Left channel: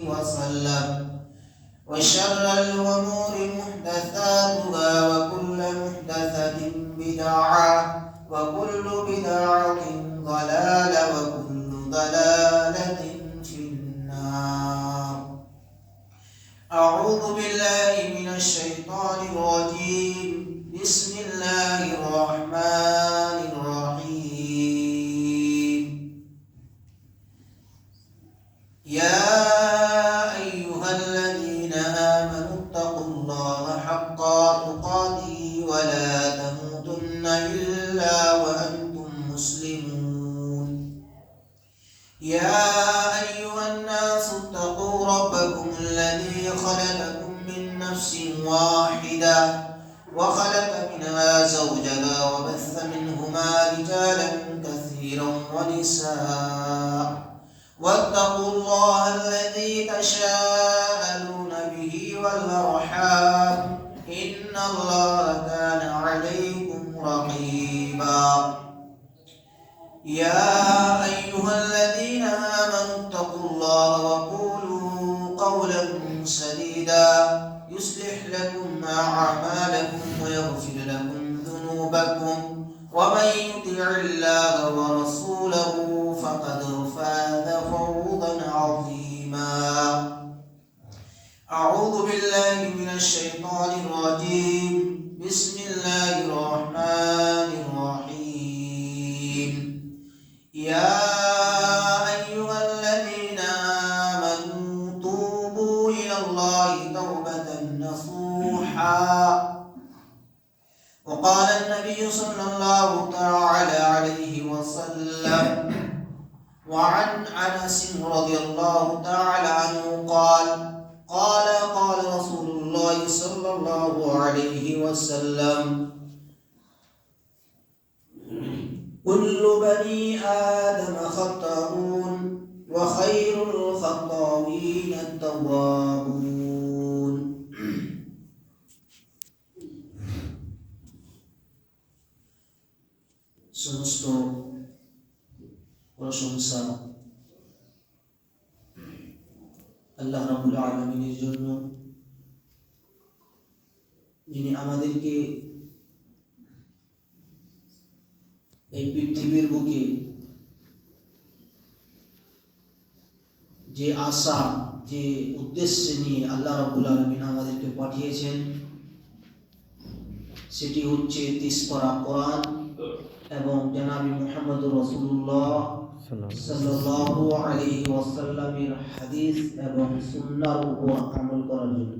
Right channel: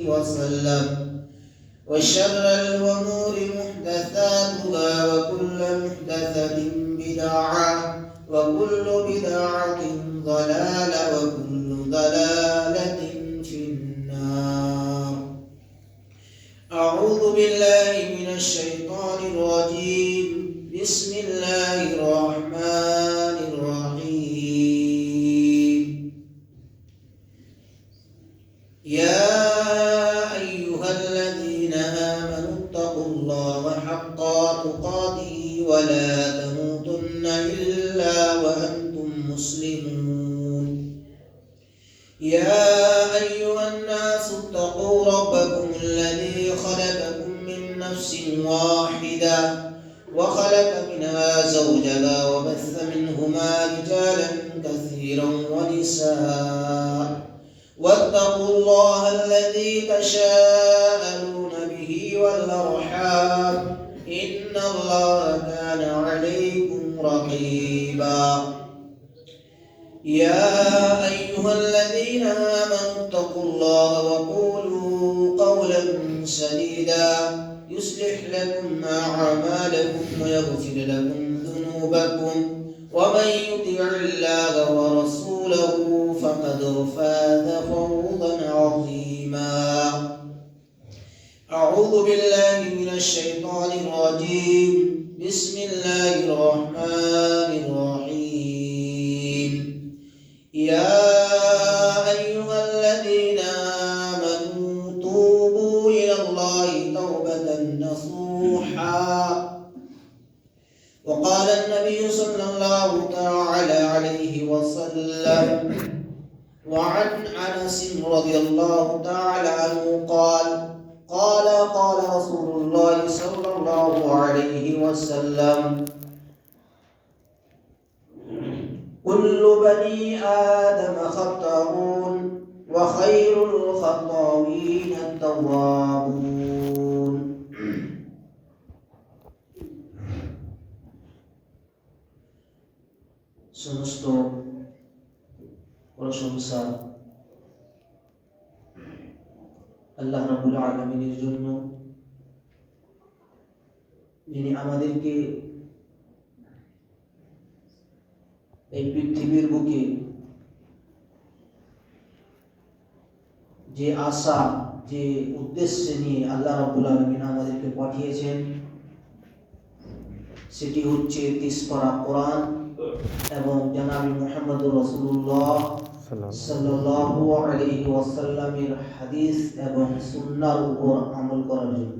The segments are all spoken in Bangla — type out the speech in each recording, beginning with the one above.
وسلم وشر الأمور محدثاتها وكل محدثة بدعة وكل بدعة ضلالة وكل ضلالة في النار. أعوذ بالله من الشيطان الرجيم. بسم الله الرحمن الرحيم. يا أيها الذين آمنوا اتقوا الله حق تقاته ولا تموتن إلا وأنتم مسلمون. يا أيها الناس اتقوا ربكم الذي خلقكم من نفس واحدة وخلق منها زوجها وبث منهما رجالا كثيرا ونساء واتقوا الله الذي تساءلون به والأرحام إن الله كان عليكم رقيبا. يا أيها الذين آمنوا اتقوا الله وقولوا قولا سديدا يصلح لكم أعمالكم ويغفر لكم ذنوبكم ومن يطع الله ورسوله فقد فاز فوزا عظيما. أعوذ بالله من الشيطان الرجيم. بسم الله الرحمن الرحيم. يا أيها الذين آمنوا توبوا إلى الله توبة نصوحا. وقال النبي صلى الله تعالى عليه وسلم وعن أنس رضي الله تعالى عنه قال قال رسول الله صلى الله عليه وسلم كل بني آدم خطاؤون وخير الخطاؤين التوابون. সমস্ত প্রশংসা আল্লাহ রাব্বুল আলামিনের জন্য, যিনি আমাদেরকে এই পৃথিবীর বুকে যে আশা, যে উদ্দেশ্যে নিয়ে আল্লাহ রাব্বুল আলামিন আমাদেরকে পাঠিয়েছেন, সেটি হচ্ছে তিসপারা কোরআন এবং জনাবি মুহাম্মদুর রাসূলুল্লাহ সাল্লাল্লাহু আলাইহি ওয়াসাল্লামের হাদিস এবং সুন্নাহর উপর আমল করার জন্য।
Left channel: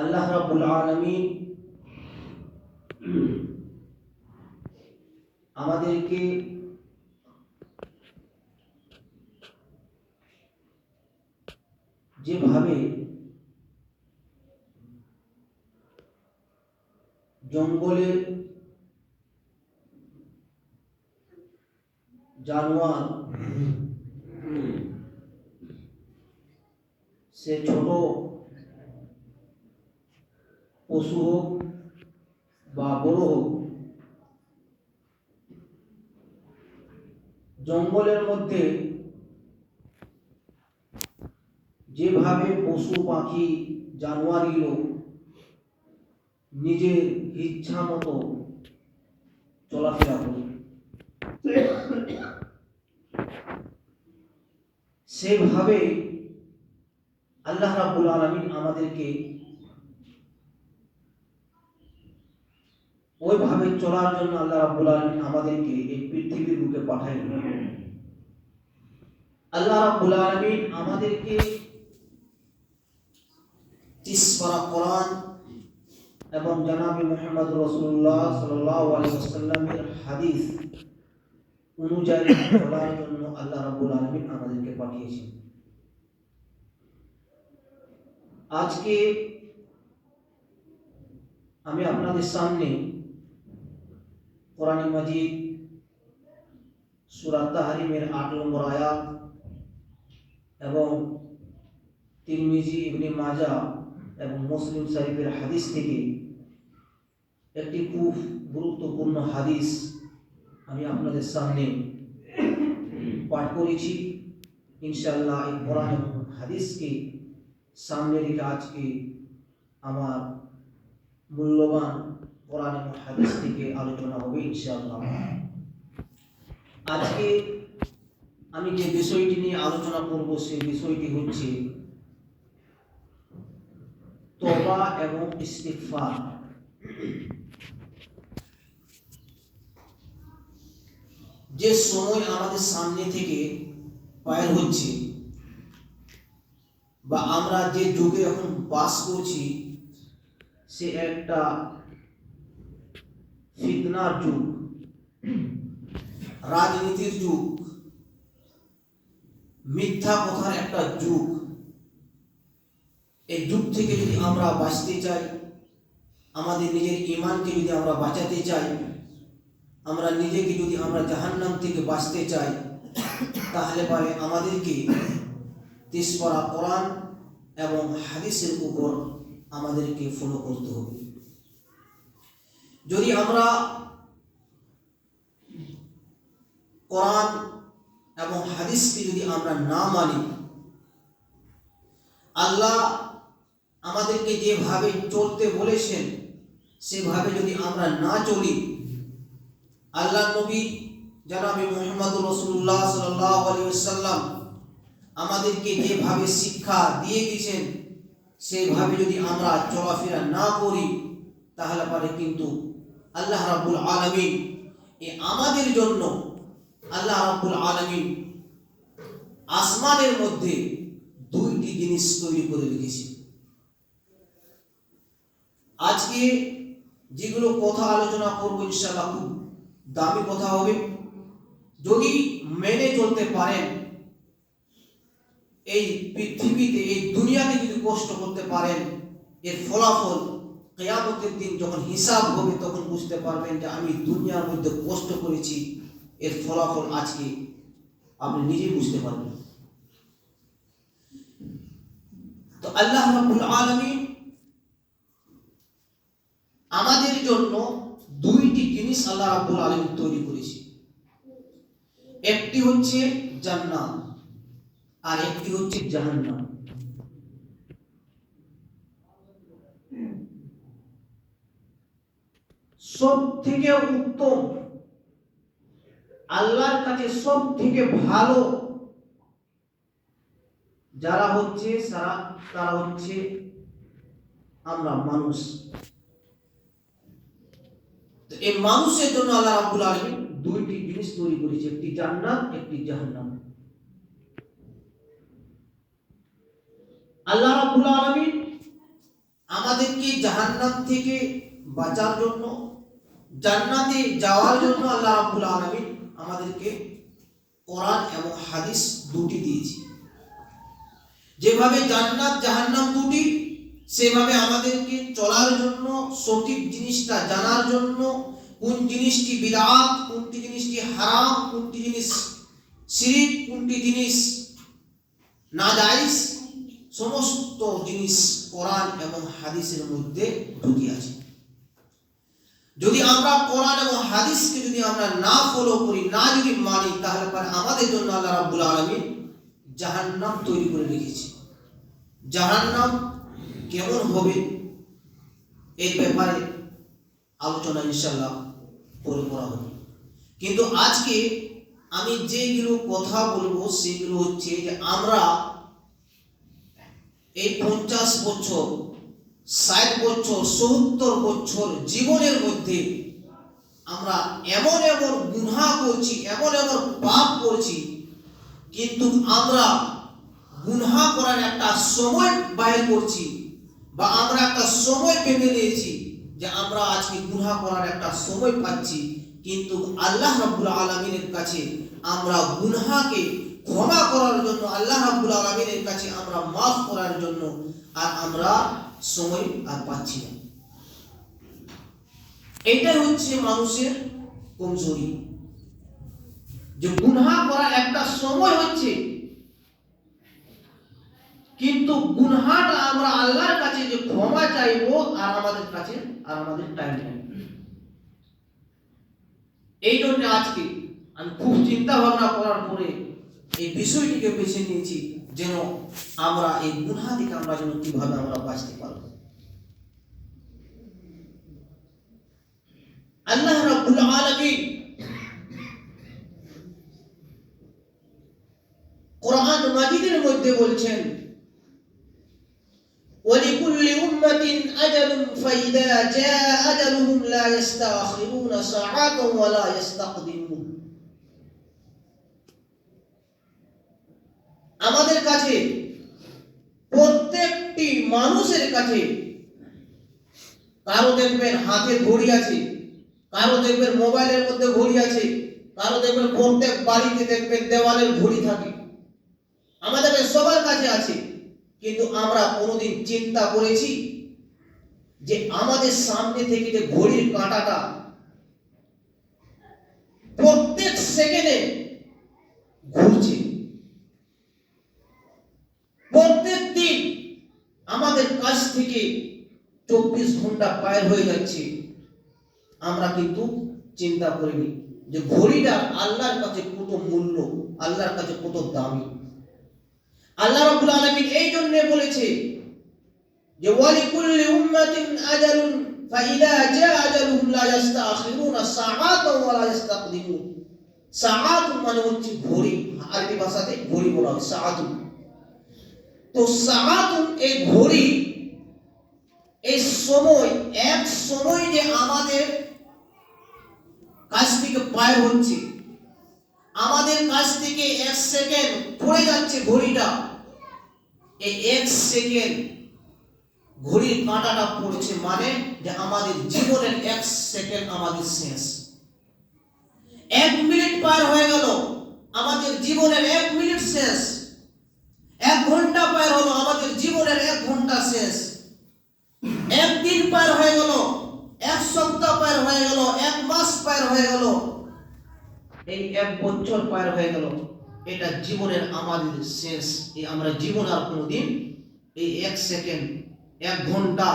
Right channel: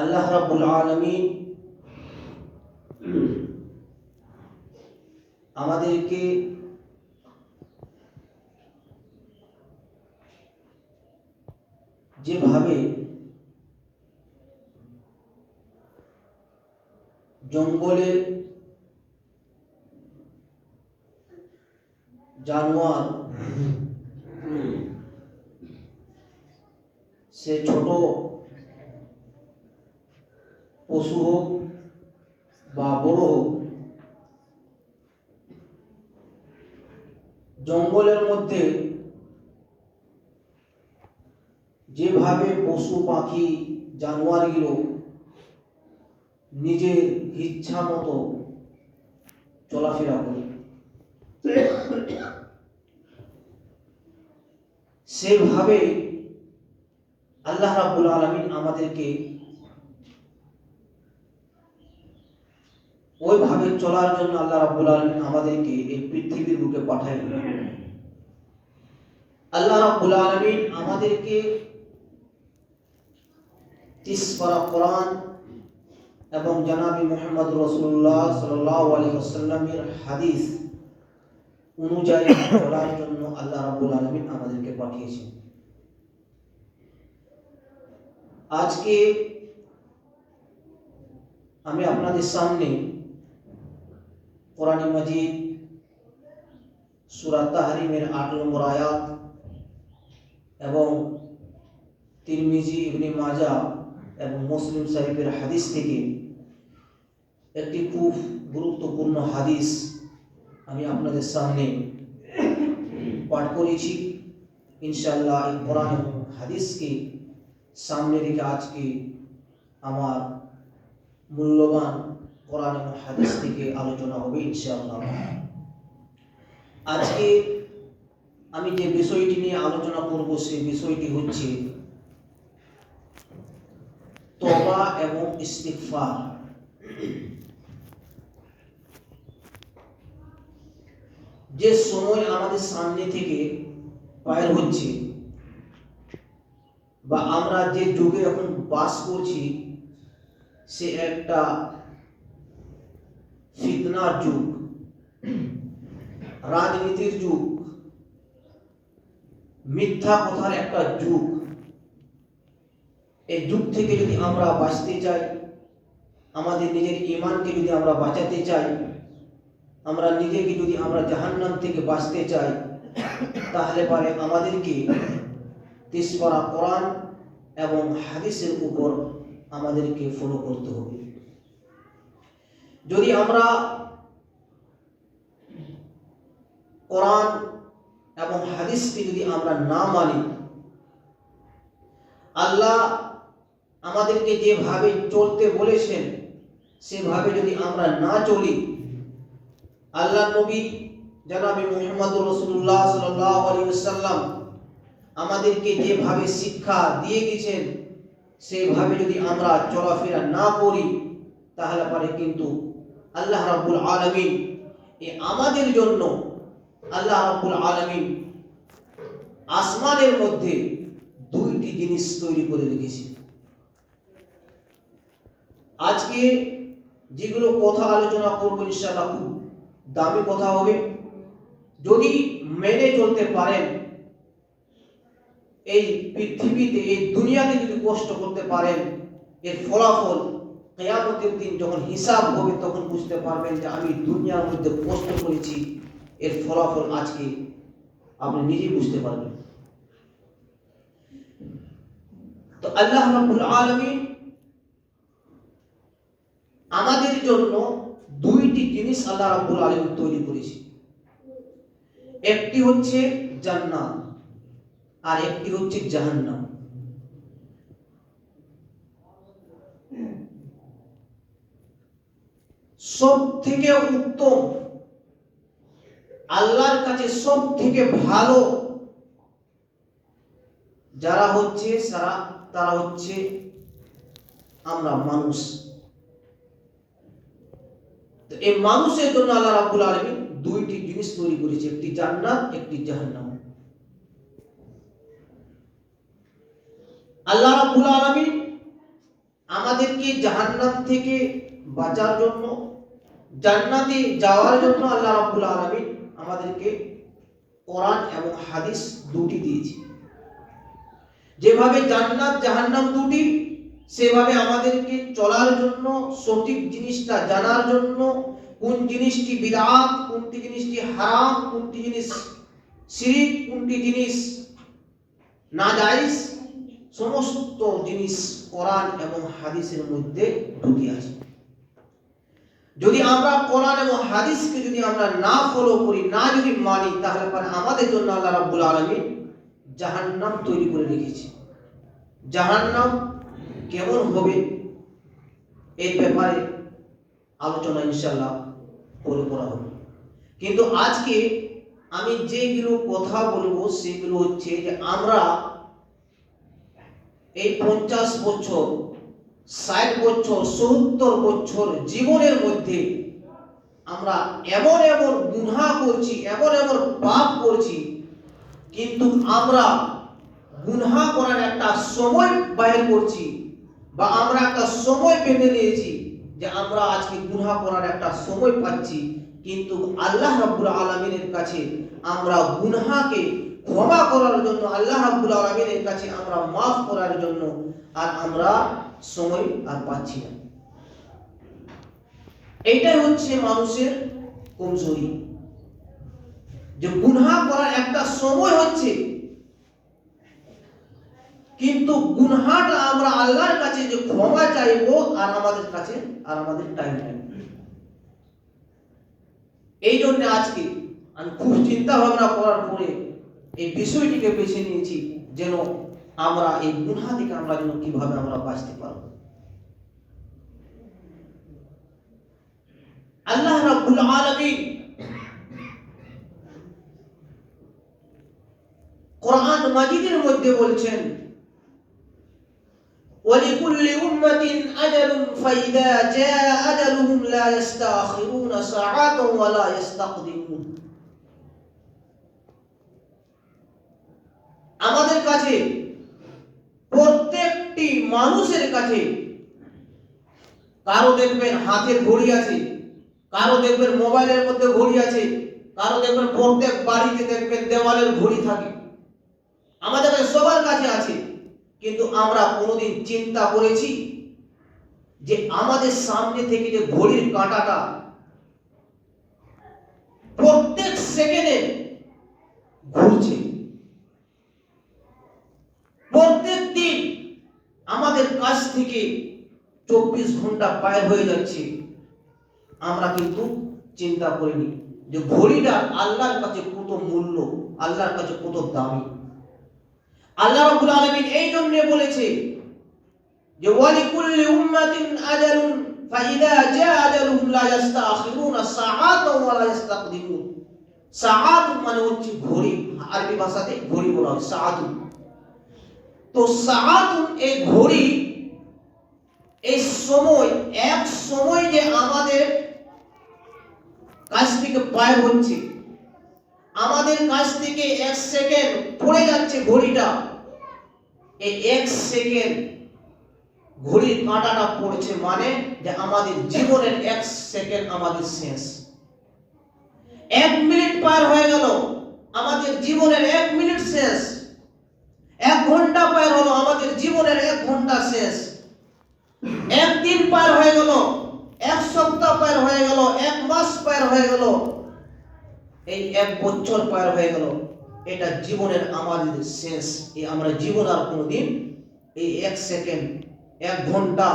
আল্লাহ রাব্বুল আলামিন আমাদেরকে যেভাবে জঙ্গলের জানোয়ার, সে ছোট পশু হোক বা বড় হোক, জঙ্গলের মধ্যে যেভাবে পশু পাখি জানোয়ারগুলো নিজের ইচ্ছা মতো চলাফেরা করে, সেভাবে আল্লাহ রাব্বুল আলামিন আমাদেরকে ওইভাবে চলার জন্য আল্লাহ রাব্বুল আলামিন আমাদেরকে এই পৃথিবীর বুকে পাঠালেন। আল্লাহ রাব্বুল আলামিন আমাদেরকে তিসপারা কোরআন এবং জনাবি মুহাম্মদ রাসূলুল্লাহ সাল্লাল্লাহু আলাইহি ওয়াসাল্লামের হাদিস অনুযায়ী চলার জন্য আল্লাহ রাব্বুল আলামিন আমাদেরকে পাঠিয়েছেন। আজকে আমি আপনাদের সামনে কোরআন মাজিদ সূরা তাহরিমের 8 নম্বর আয়াত এবং তিরমিজি, ইবনে মাজাহ এবং মুসলিম শরীফের হাদিস থেকে একটি খুব গুরুত্বপূর্ণ হাদিস আমি আপনাদের সামনে পাঠ করেছি। ইনশাআল্লাহ এই কোরআন এবং হাদিসকে সামনে রেখে আজকে আমার মূল্যবান কোরআন এবং হাদিস থেকে আলোচনা হবে ইনশাআল্লাহ। আজকে আমি যে বিষয়টি নিয়ে আলোচনা করব সেই বিষয়টি হচ্ছে তওবা এবং ইস্তিগফার। যে সময় আমাদের সামনে থেকে পার হচ্ছে বা আমরা যে যুগে এখন বাস করছি সে একটা ফিতনার যুগ, রাজনীতির যুগ, মিথ্যা কথার একটা যুগ। এই যুগ থেকে যদি আমরা বাঁচতে চাই, আমাদের নিজের ঈমানকে যদি আমরা বাঁচাতে চাই, আমরা নিজেকে যদি আমরা জাহান্নাম থেকে বাঁচতে চাই, তাহলে পরে আমাদেরকে 30 পারা কোরআন এবং হাদিসের উপর আমাদেরকে ফলো করতে হবে। যদি আমরা কোরআন এবং হাদিসকে যদি আমরা না মানি, আল্লাহ আমাদেরকে যেভাবে চলতে বলেছেন সেভাবে যদি আমরা না চলি, আল্লাহ নবী জনাবে মুহাম্মদ রাসূলুল্লাহ সাল্লাল্লাহু আলাইহি ওয়াসাল্লাম আমাদেরকে যেভাবে শিক্ষা দিয়ে গেছেন সেভাবে যদি আমরা চলাফেরা না করি, তাহলে পরে কিন্তু আল্লাহ রাব্বুল আলামিন আমাদের জন্য আল্লাহ রাব্বুল আলামিন আসমানের মধ্যে দুইটি জিনিস তৈরি করে রেখেছেন। আজকে যেগুলো কথা আলোচনা করবো ইনশাআল্লাহ খুব দামি কথা হবে। যদি মেনে চলতে পারেন, এই পৃথিবীতে এই দুনিয়াতে যদি কষ্ট করতে পারেন, এর ফলাফল কিয়ামতের দিন যখন হিসাব হবে তখন বুঝতে পারবেন যে আমি দুনিয়ার মধ্যে কষ্ট করেছি, এর ফলাফল আজকে আপনি নিজেই বুঝতে পারবেন। তো আল্লাহ রাব্বুল আলামিন আমাদের জন্য দুইটি জিনিস আল্লাহ রাব্বুল আলামিন তৈরি করেছে। একটি হচ্ছে জান্নাত আর একটি হচ্ছে জাহান্নাম। সব থেকে উত্তম, আল্লাহর কাছে সব থেকে ভালো যারা হচ্ছে তারা হচ্ছে আমরা মানুষ। তো এই মানুষের জন্য আল্লাহ রাব্বুল আলামিন দুইটি জিনিস তৈরি করেছে, একটি জান্নাত একটি জাহান্নাম। আল্লাহ রাব্বুল আলামিন আমাদেরকে জাহান্নাম থেকে বাঁচার জন্য, জান্নাতে যাওয়ার জন্য আল্লাহ রাব্বুল আলামিন আমাদেরকে কোরআন এবং হাদিস দুটি দিয়েছে। যেভাবে জান্নাত জাহান্নাম দুটি, সেভাবে আমাদেরকে চলার জন্য, সঠিক জিনিসটা জানার জন্য, কোন জিনিসটি বিদআত, কোনটি জিনিসটি হারাম, কোনটি জিনিস শিরক, কোনটি জিনিস নাজায়েজ, সমস্ত জিনিস কোরআন এবং হাদিসের মধ্যে ঢুকে আছে। যদি আমরা কোরআন এবং হাদিসকে যদি আমরা না ফলো করি, না যদি মানি, তাহলে পরে আমাদের জন্য আল্লাহ রাব্বুল আলামিন জাহান্নাম তৈরি করে রেখেছে। জাহান্নাম কেমন হবে এই ব্যাপারে আলোচনা ইনশাআল্লাহ পরে করা হবে। কিন্তু আজকে আমি যেগুলো কথা বলবো সেগুলো হচ্ছে যে আমরা এই 50 বছর, 60 বছর, 70 বছর জীবনের মধ্যে আমরা এমন এমন গুনাহ করছি, এমন এমন পাপ করছি, কিন্তু আমরা গুনাহ করার একটা সময় বাইর করছি বা আমরা একটা সময় পেতে নিয়েছি যে আমরা আজকে গুনাহ করার একটা সময় পাচ্ছি, কিন্তু আল্লাহ রাব্বুল আলামিনের কাছে আমরা গুনাহকে ক্ষমা করার জন্য, আল্লাহ রাব্বুল আলামিনের কাছে আমরা মাফ করার জন্য আর আমরা সময় আর পাচ্ছি না। এইটাই হচ্ছে মানুষের কমজোরি, যে গুনাহ করার একটা সময় হচ্ছে, কিন্তু গুনাহটা আমরা আল্লাহর কাছে যে ক্ষমা চাইবো আর আমাদের কাছে আর আমাদের টাইম নাই। এই জন্য আজকে আমি খুব চিন্তা ভাবনা করার পরে এই বিষয়টিকে বেছে নিয়েছি, যেন আমরা এই গুনাহ থেকে আমরা যেন কিভাবে আমরা বাঁচতে পারব। আল্লাহ রাব্বুল আলামিন কোরআন মাজিদের মধ্যে বলছেন, ওয়ালিকুল্লি উম্মাতিন আজালুন ফাইদা জাআ আজালুহুম লা ইস্তাখিরুনা সাআতান ওয়া লা ইস্তাকদিমুন। আমাদের কাছে প্রত্যেকটি মানুষের কাছে, কারো দেখবেন হাতের ঘড়ি আছে, কারো দেখবেন মোবাইলের মধ্যে ঘড়ি আছে, কারো দেখবেন প্রত্যেক বাড়িতে দেখবেন দেওয়ালের ঘড়ি থাকে, আমাদের সবার কাছে আছে। কিন্তু আমরা কোনোদিন চিন্তা করেছি যে আমাদের সামনে থেকে যে ঘড়ির কাঁটাটা প্রত্যেক সেকেন্ডে ঘুরছে, প্রত্যেক দিন আমাদের কাছ থেকে 24 ঘন্টা পার হয়ে যাচ্ছে, আমরা কিন্তু চিন্তা করিনি যে ঘড়িটা আল্লাহর কাছে কত মূল্য, আল্লাহর কাছে কত দামি। আল্লাহ রাব্বুল আলামিন এই জন্য বলেছে যে ওয়ালিকুল্লি উম্মাতিন আজালুন ফাইদা জাআ আজালুহুম লা ইস্তাখিরুনা সাআতান ওয়া লা ইস্তাকদিমুন। সাআত মানে হচ্ছে ঘড়ি, আরবি ভাষাতে ঘড়ি বলা হয় সাআত। তো সাআত এই ঘড়ি, এই সময়, এক সময় যে আমাদের কাছ থেকে পার হচ্ছে, আমাদের কাছ থেকে এক সেকেন্ড পড়ে যাচ্ছে ঘড়িটা, এই এক সেকেন্ড ঘড়ির কাঁটাটা পড়েছে মানে যে আমাদের জীবনের এক সেকেন্ড আমাদের শেষ। 1 মিনিট পার হয়ে গেল, আমাদের জীবনের 1 মিনিট শেষ। 1 ঘন্টা পার হলো, আমাদের জীবনের 1 ঘন্টা শেষ। 1 দিন পার হয়ে গেল, 1 সপ্তাহ পার হয়ে গেল, 1 মাস পার হয়ে গেল, এই 1 বছর পার হয়ে গেল, এটা জীবনের আমাদের শেষ। এই আমরা জীবন আর কোনোদিন এই 1 সেকেন্ড, 1 ঘন্টা,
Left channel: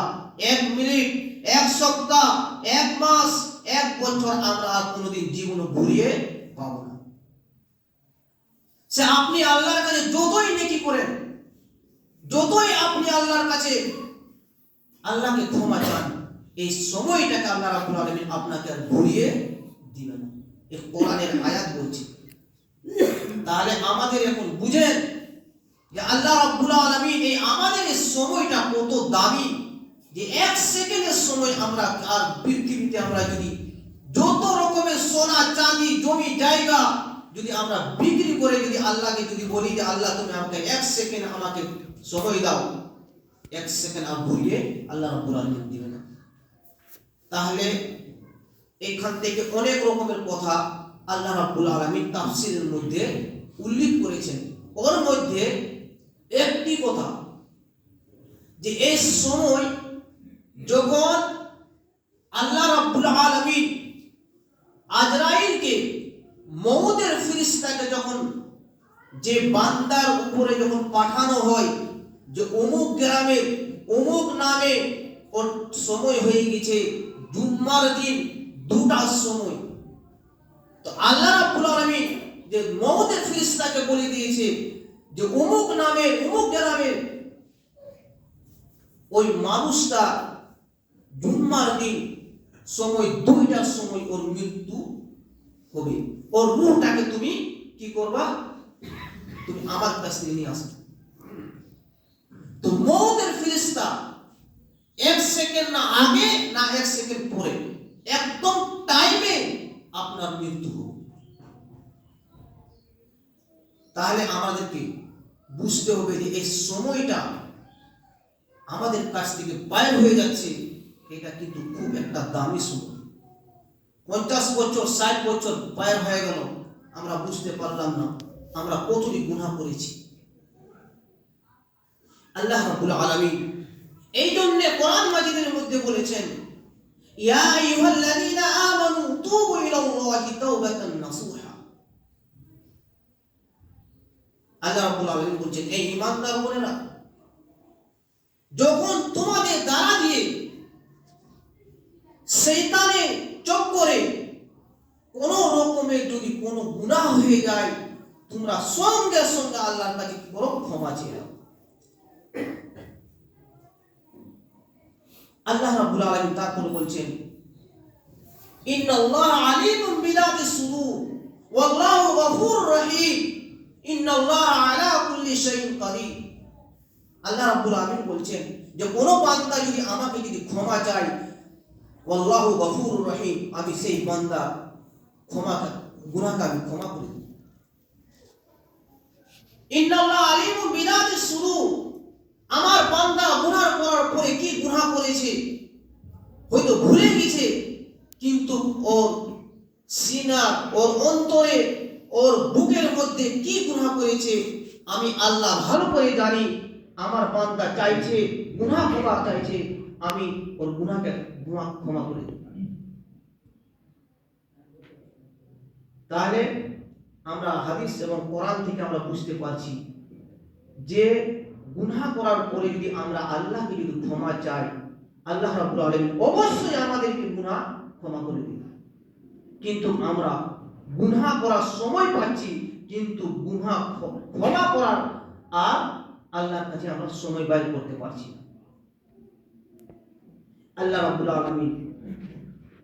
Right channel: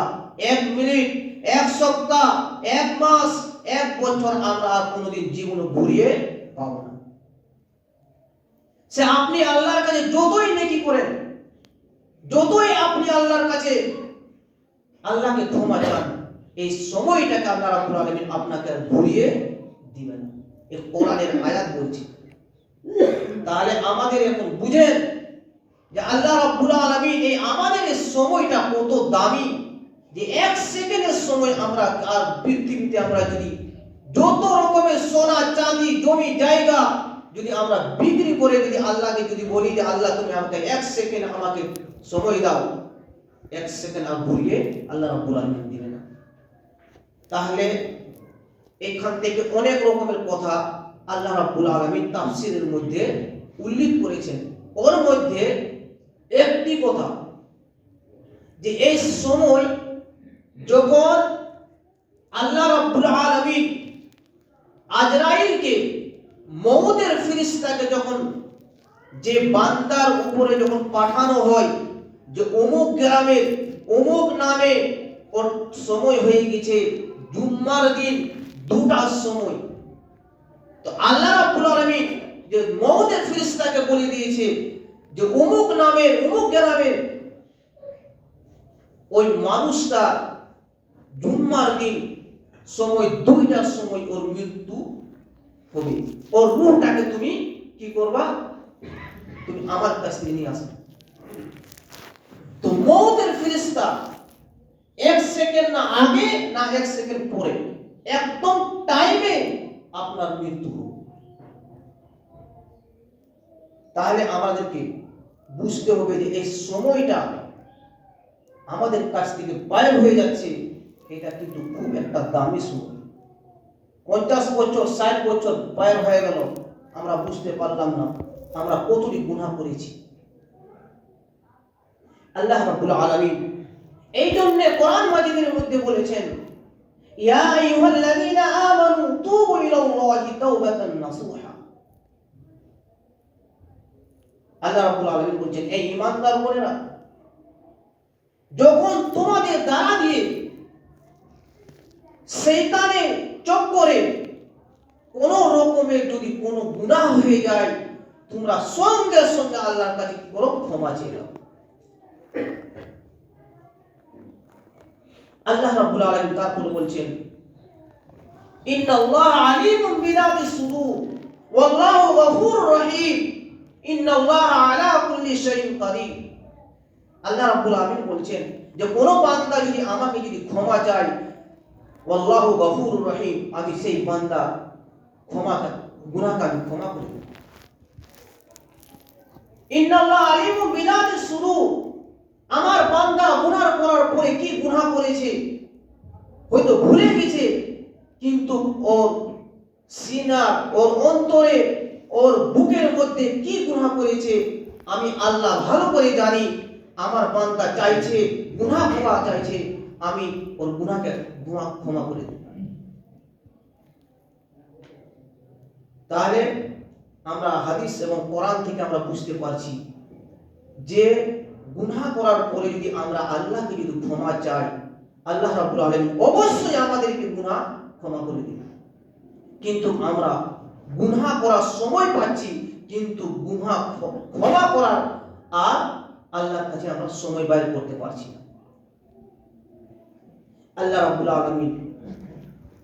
1 মিনিট, 1 সপ্তাহ, 1 মাস, 1 বছর আমরা আর কোনোদিন জীবনে ঘুরিয়ে পাবো না। সে আপনি আল্লাহর কাছে যতই নেকি করেন, যতই আপনি আল্লাহর কাছে আল্লাহকে ক্ষমা চান, এই সময়টাকে আল্লাহ রাব্বুল আলামিন আপনাকে আর ঘুরিয়ে দিবেন না। এই কোরআনের আয়াত বলছে। তাহলে আমাদের এখন বুঝেন যে আল্লাহ রাব্বুল আলামিন এই আমাদের এই সময়টা কত দামি, যে 1 সেকেন্ডের সময় আমরা আর পৃথিবীতে আমরা যদি যত রকমের সোনা চাঁদি জমি জায়গা যদি আমরা বিক্রি করে যদি আল্লাহকে যদি বলি যে আল্লাহ তুমি আমাকে 1 সেকেন্ড আমাকে সময় দাও, 1 সেকেন্ড আর ঘুরিয়ে আল্লাহ রাব্বুল আলামিন দিবে না। তাহলে এখান থেকে অনেক রকমের কথা আল্লাহ রাব্বুল আলামিন তাফসীরের মধ্যে উল্লেখ করেছেন। ওর মধ্যে একটি কথা যে এই সময় যখন আল্লাহ রাব্বুল আলামিন আজরাইলকে, মউতের ফেরেশতাকে যখন যে বান্দার উপরে যখন পাঠানো হয় যে অমুক গ্রামের অমুক নামে ওর সময় হয়ে গেছে জুম্মার দিন 2টার সময়, তো আল্লাহ রাব্বুল আলামিন যে মউতের ফেরেশতাকে বলে দিয়েছে যে অমুক নামের অমুক গ্রামের ওই মানুষটা জুম্মার দিন সময় 2টার সময় ওর মৃত্যু হবে, ওর রূহটাকে তুমি কি করবা, তুমি আমার কাছে নিয়ে আসবে। তো মউতের ফেরেশতা 1 সেকেন্ড না আগে না 1 সেকেন্ড পরে একদম টাইমে আপনার মৃত্যু হবে। তাহলে আমাদেরকে বুঝতে হবে যে এই সময়টা আমাদের কাছ থেকে বাইর হয়ে যাচ্ছে, এটা কিন্তু খুব একটা দামি সময়। 50 বছর 60 বছর বাইর হয়ে গেল, আমরা বুঝতে পারলাম না আমরা কতটি গুনাহ করেছি। আল্লাহ রাব্বুল আলামিন এই জন্য কোরআন মাজিদের মধ্যে বলেছেন, ইয়া আইয়ুহাল্লাযীনা আমানু তুবু ইলাল্লাহি তাওবাতান নাসুহা। আল্লাহ রাব্বুল আলামিন বলেন, এই ঈমানদার বোনেরা, যখন তোমাদের দ্বারা দিয়ে শয়তানের চক্করে কোনো রকমের যদি কোনো গুনাহ হয়ে যায়, তোমরা সঙ্গে সঙ্গে আল্লাহর কাছে কি করো? ক্ষমা চেয়ে নাও। আল্লাহ রাব্বুল আলামিন তারপরে বলছেন, ইন্নাল্লাহা আলিমুম বিযাতিস সুদূর ওয়াল্লাহু গফুরুর রহিম ইন্নাল্লাহা আলা কুল্লি শাইইন কাদির। আল্লাহ রাব্বুল আলামিন বলছেন যে কোনো বান্দা যদি আমাকে যদি ক্ষমা চায়, ওয়াল্লাহু গফুরুর রহিম, আমি সেই বান্দা গুনাহকে আমি ক্ষমা করে দেব। ইন্নাল্লাহা আলিমুম বিযাতিস সুদূর, আমার বান্দা গুনাহ করার পরে কি গুনাহ করেছে হয়তো ভুলে গেছে, কিন্তু ওর সিনা, ওর অন্তরে, ওর বুকের মধ্যে কি গুনাহ করেছে আমি আল্লাহ ভালো করে জানি। আমার বান্দা চাইছে, গুনাহ ক্ষমা চাইছে, আমি ওর গুনাহকে ক্ষমা করে দেব। তাহলে আমরা হাদিস এবং কোরআন থেকে আমরা বুঝতে পারছি যে গুনাহ করার পরে যদি আমরা আল্লাহকে যদি ক্ষমা চাই, আল্লাহ রাব্বুল আলামিন অবশ্যই আমাদেরকে গুনাহ ক্ষমা করে দিবেন। কিন্তু আমরা গুনাহ করার সময় পাচ্ছি, কিন্তু গুনাহ ক্ষমা করার আর আল্লাহর কাছে আমরা সময় বাইর করতে পারছি না। আল্লাহ রাব্বুল আলামিন,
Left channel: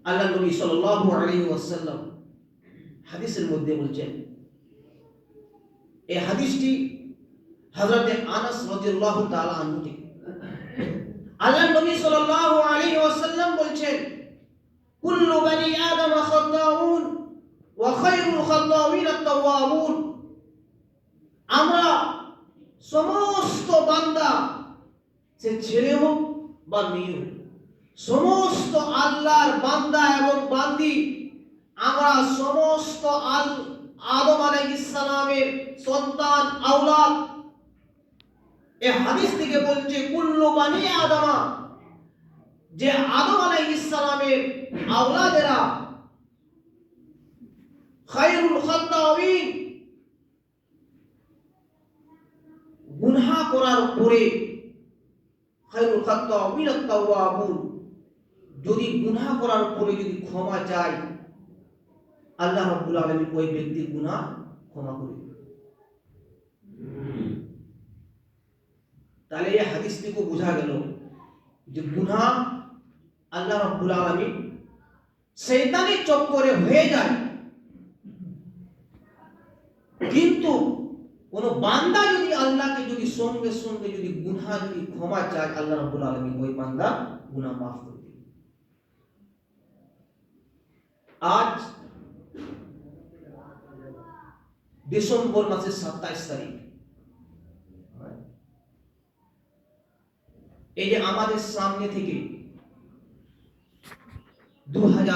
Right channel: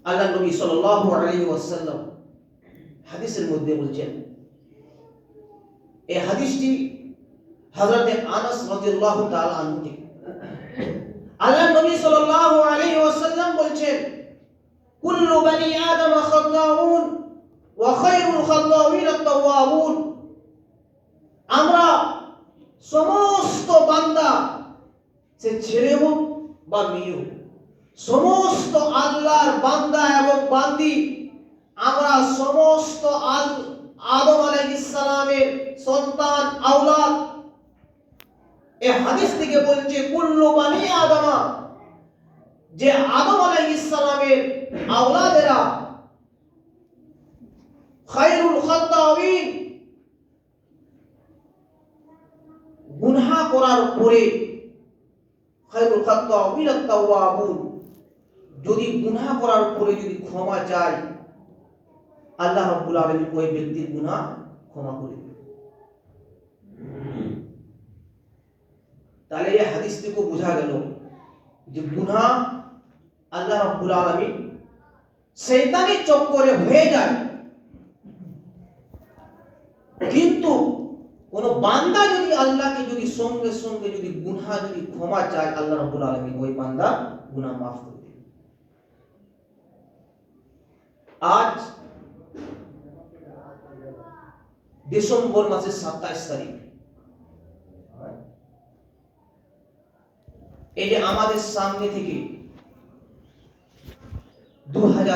আল্লাহ নবী সাল্লাল্লাহু আলাইহি ওয়াসাল্লাম হাদিসের মধ্যে বলছেন, এই হাদিসটি হযরত আনাস রাদিয়াল্লাহু তাআলা আনহু থেকে। আল্লাহ নবী সাল্লাল্লাহু আলাইহি ওয়াসাল্লাম বলছেন, কুল্লু বানি আদম খাত্তাউন ওয়া খায়রুল খাত্তাউইন আত-তাওয়াবুন। আমরা সমস্ত বান্দা, সে ছেলে হোক বা মেয়ে হোক, সমস্ত আল্লাহর বান্দা এবং বান্দি, আমরা সমস্ত আদম আলাইহিস সালামের সন্তান, আওলাদ। এই হাদিস থেকে বলছে কুল্লু বানি আদমা, যে আদম আলাইহিস সালামের আওলাদেরা, খায়রুল খাত্তাউইন, গুনাহ করার পরে, খায়রুল খাত্তাউইন আত-তাওয়াবুন, যদি গুনাহ করার পরে যদি ক্ষমা চায়, আল্লাহ রাব্বুল আলামিন ওই ব্যক্তির গুনাহ ক্ষমা করে দেন। তাহলে এই হাদিস থেকে বোঝা গেল যে গুনাহ আল্লাহ রাব্বুল আলামিন শয়তানের চক্করে হয়ে যায়, কিন্তু কোন বান্দা যদি আল্লাহকে যদি সঙ্গে সঙ্গে যদি গুনাহ যদি ক্ষমা চায়, আল্লাহ রাব্বুল আলামিন ওই বান্দার গুনাহ মাফ করে দেন। আজ ডিসেম্বর মাসের 27 তারিখ, এই যে আমাদের সামনে থেকে 2000